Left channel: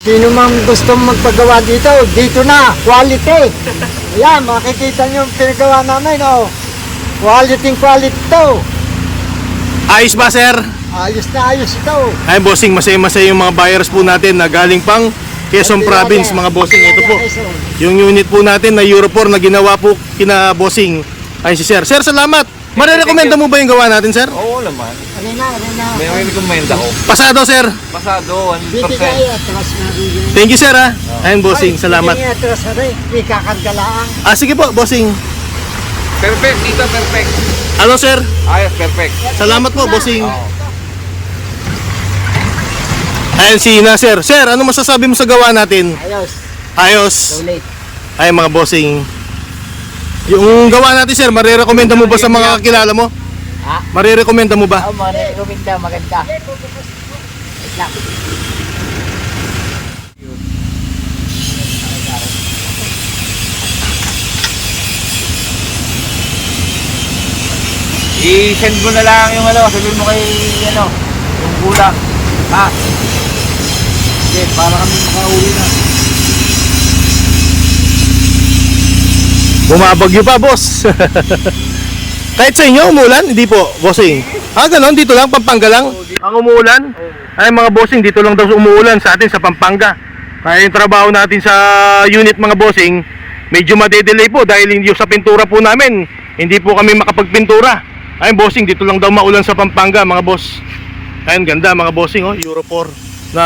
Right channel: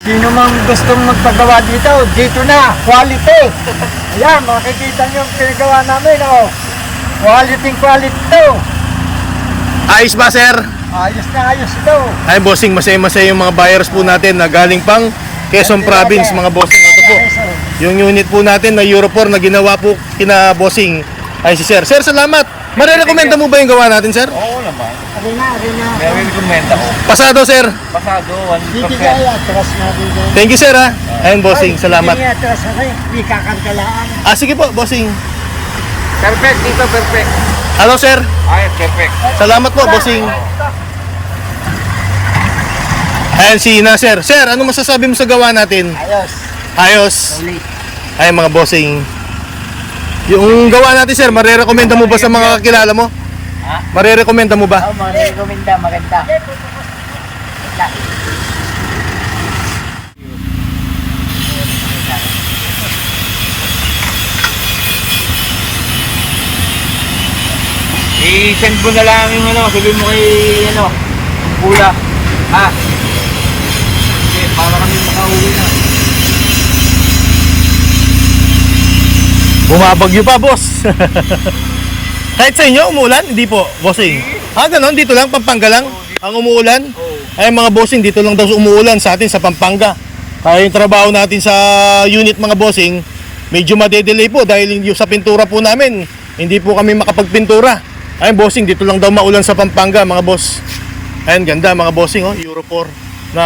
Sino mang gusto magpagawa dito, dito na, quality. Ayan, makikita nyo yung pinagawa namin, oh. Quality to. Ayos ba, sir? Ayos na ayos ito. Ay, bossing, masaya-masaya yung mga buyers po natin na galing pang Quezon Province, mga bossing. Ito po, yung unit po natin na Euro 4 na ginawa po kina bossing. Ay, si sir. Sir, salamat. Marirekomenda mo ba yung gawa natin, sir? Oo naman. Arena. May rekomenda ko. Pasado, sir. Pasado, 1%. Bibigay atras na bigay. Thank you, sir, ha. Ayun, bossing, salamat. Bibigay atras na rin, may kakantalaan. Ah, sige po, bossing. Perfect, dito perfect. Ano, sir? Ayos, perfect. Salamat po, bossing. Ayan, si Nasir. Sir, ano masasabi mo sa gawa natin? Ayos. Ayos. Late. Ay, mga bossing. Yung gawa natin, sir, marirekomenda mo ba sa mga kakilala mo? Ha? Marirekomenda mo ba? Oo, mga nirekomenda, maganda. I-send mo na lang yung ano, sabihin mo kay ano, yung bula. Ha? Okay, para kami makauwi na. Bumabagyo pa, boss. Kahit sa inyo, umulan? Hindi po, bossing. Ah, ganon, dito lang, Pampanga lang. Ang umuulan? Ay, mga bossing, dito lang daw umuulan sa atin, sa Pampanga. Kaya yung trabaho natin sa unit, mga bossing, medyo madedelay po dahil yung sa pintura po namin, hindi po kami makapagpintura. Ayun, bossing, dito lang daw maulan sa Pampanga, mga boss. Ayun, ganda, mga bossing, oh, Euro 4 na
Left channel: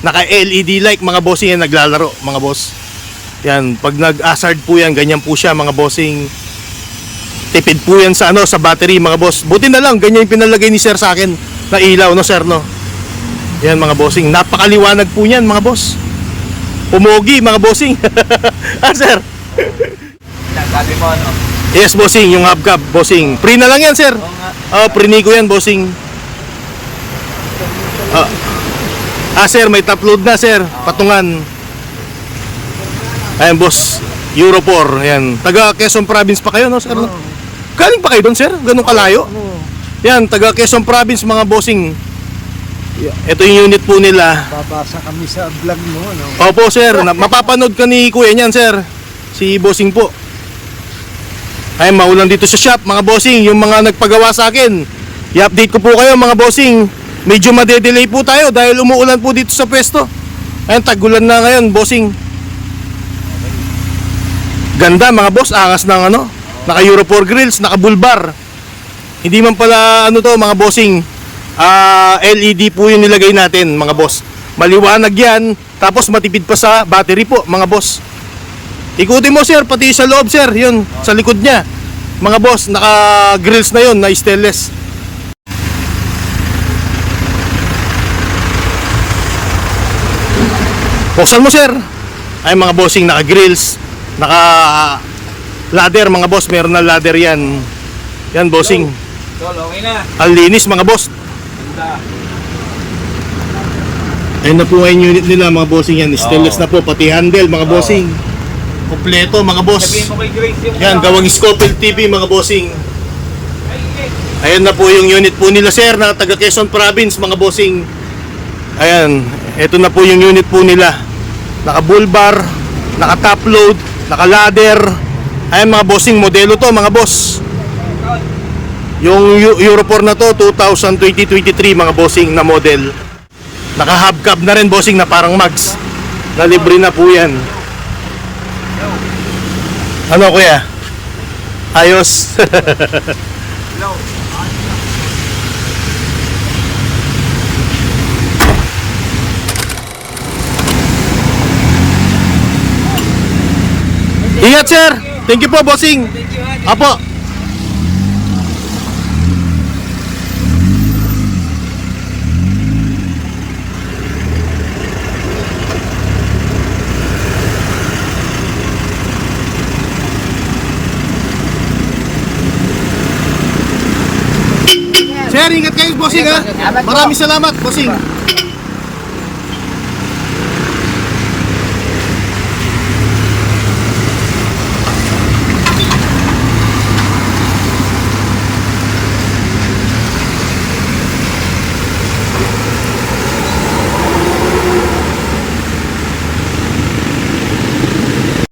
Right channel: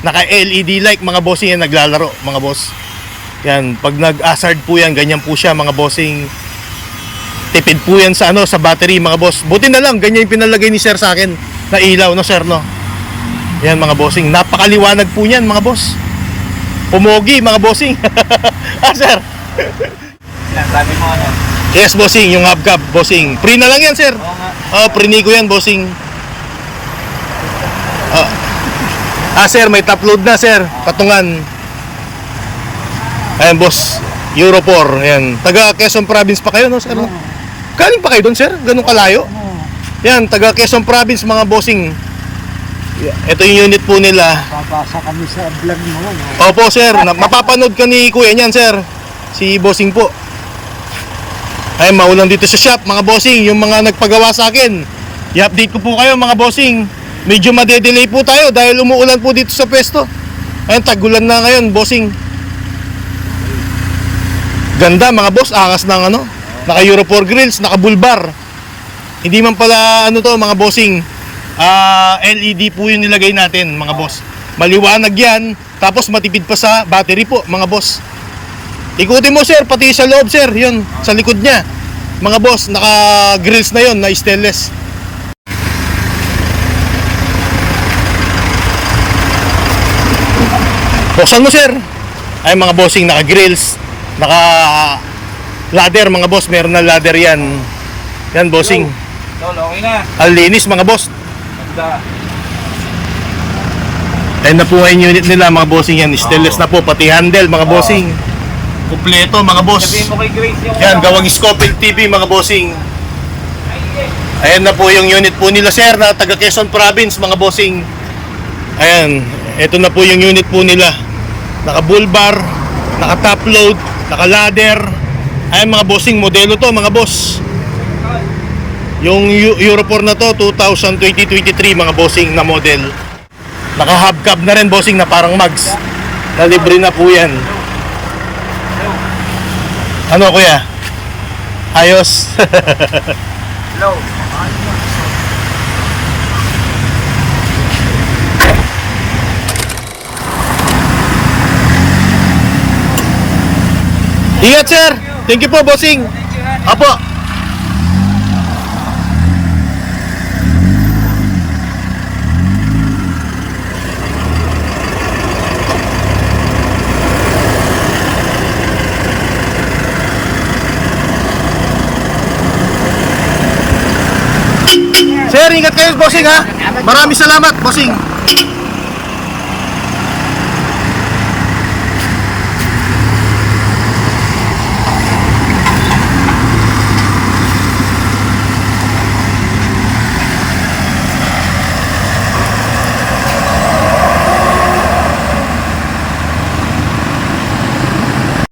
naka-LED light, mga bossing, yan naglalaro, mga boss. Yan, pag nag-hazard po yan, ganyan po siya, mga bossing. Tipid po yan sa ano, sa battery, mga boss. Buti na lang, ganyan yung pinalagay ni sir sa akin na ilaw, no sir, no? Yan, mga bossing, napakaliwanag po yan, mga boss. Pumogi, mga bossing. Ah, sir. Sabi mo ano? Yes, bossing, yung hubcap, bossing. Free na lang yan, sir. Oo nga. Free ko yan, bossing. Sir, may top load na, sir. Patungan. Ayan, boss. Euro 4. Ayan. Taga Quezon Province pa kayo, no, sir? No? Galing pa kayo doon, sir? Ganun kalayo? Yan, taga Quezon Province, mga bossing. Ito yung unit po nila. Babasa kami sa vlog mo, no? Opo, sir. Mapapanood ka ni kuya niyan, sir. Si bossing po. Ay, maulan dito sa shop, mga bossing. Yung mga nagpagawa sa akin, i-update ko po kayo, mga bossing. Medyo madedelay po tayo dahil umuulan po dito sa pwesto. Ayun, tagulan na ngayon, bossing. Ganda, mga boss. Angas ng ano, naka Euro 4 grills, naka bulbar. Hindi man pala ano to, mga bossing, LED po yung nilagay natin, mga boss. Maliwanag yan. Tapos matipid pa sa battery po, mga boss. Ikutin mo, sir, pati sa loob, sir. Yun, sa likod niya. Mga boss, naka grills na yun, na stainless. Buksan mo, sir. Ay, mga bossing, naka grills, naka ladder, mga boss. Meron na ladder yan. Yan, bossing. Tol, okay na. Ang linis, mga boss. Ganda. Ayun na po ngayon unit nila, mga bossing yan. Stainless na po, pati handle, mga bossing. Kompleto, mga boss. Sabihin mo kay Grace yung Yan, gawang Scopel TV, mga bossing. Ayan na po yung unit po nila, sir, na taga Quezon Province, mga bossing. Ayan, ito na po yung unit po nila. Naka bulbar, naka top load, naka ladder. Ayan, mga bossing, modelo to, mga boss. Yung Euro 4 na to, 2020-23, mga bossing na model. Naka hubcap na rin, bossing, na parang mags. Na libre na po yan. Ano, kuya? Ayos. Hello. Ingat, sir. Thank you po, bossing. Apo. Sir, ingat kayo, bossing, ha. Maraming salamat, bossing.